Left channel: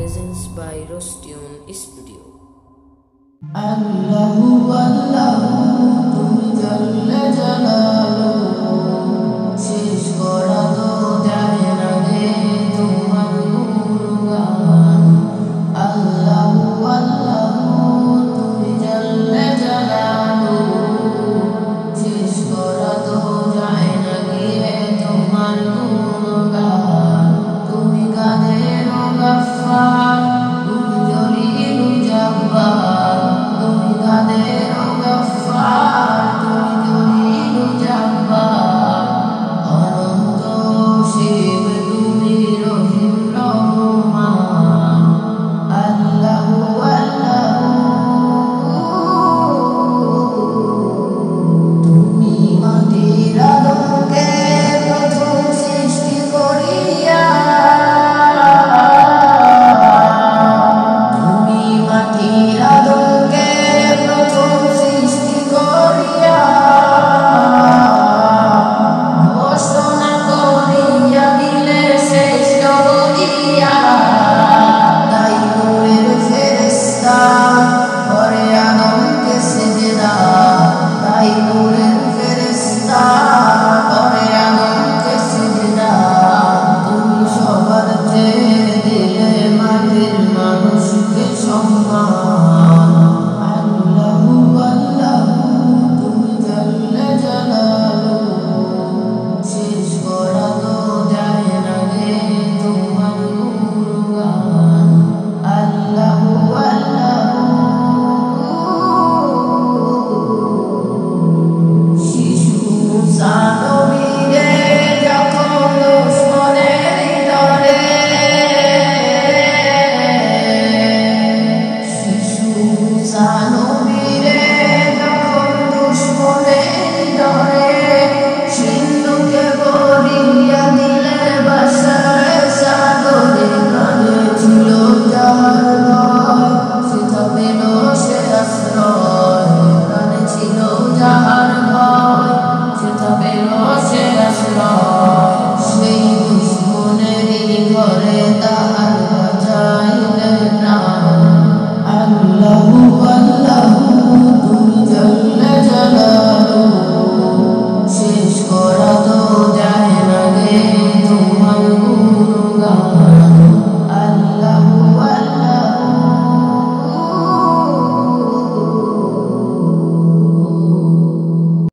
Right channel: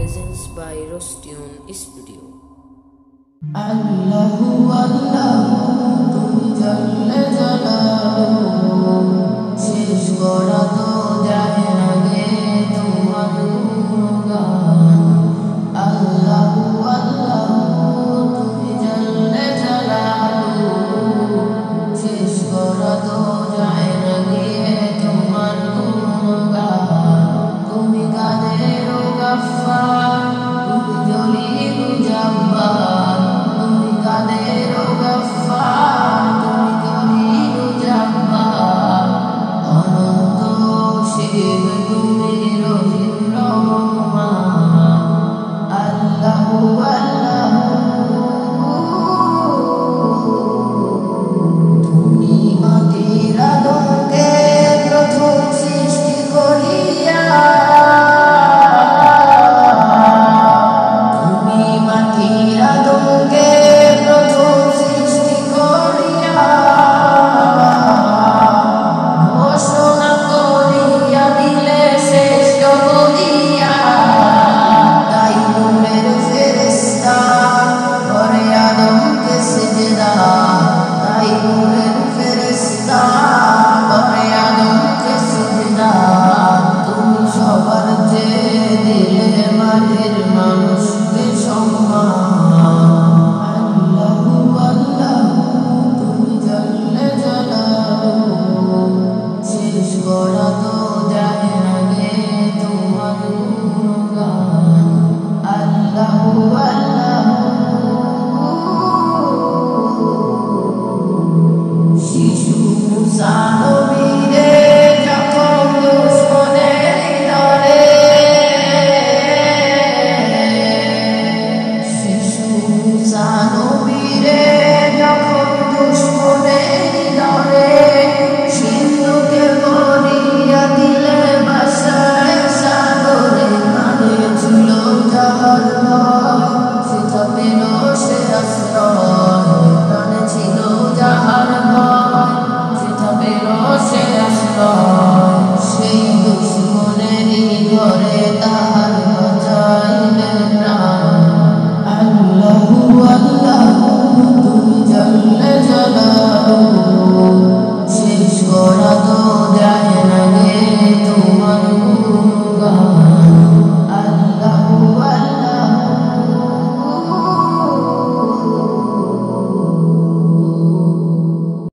presents by Rostune Studio. আল্লাহু আল্লাহু তুমি জাল্লে জালালুহু শেষ করা তো যায় না গে তোমার গুণগান। আল্লাহু আল্লাহু তুমি জাল্লে জালালুহু শেষ করা তো যায় না গে তোমার গুণগান। তুমি কাদের গাফফার তুমি জলিলু জব্বার, তুমি কাদের গাফফার তুমি জলিলু জব্বার। অনন্ত শিব তুমি রহিম রহমান। আল্লাহু আল্লাহু তুমি মাটির আদমকে প্রথম সৃষ্টি করিয়া, আদমকে প্রথম সৃষ্টি করিয়া ঘোষণা করিয়া দিলে শ্রেষ্ঠ বলিয়া। তাই নূরের ফেরেশতা করে আদমকে সিজদা, তাই নূরের ফেরেশতা করে আদমকে সিজদা। তুমি সবার চেয়ে দিলে মাটির মানুষকে সম্মান। আল্লাহু আল্লাহু তুমি জাল্লে জালালুহু শেষ করা তো যায় না গে তোমার গুণগান। আল্লাহু আল্লাহু শিশু মুসা নবীরে যখন দুশমনের দলে, শিশু মুসা নবীরে যখন দুশমনের ডরে সিন্ধুকে ভরিয়া দিলে বাসায় সাগরে। প্রাণে ছিল যাহার ভয় সেথা পেল সে আশ্রয়, প্রাণে ছিল যাহার ভয় সেথা পেল সে আশ্রয়। সেই দুশমনেরই ঘরে তাহার বাঁচাইলে প্রাণ। আল্লাহু আল্লাহু তুমি জাল্লে জালালুহু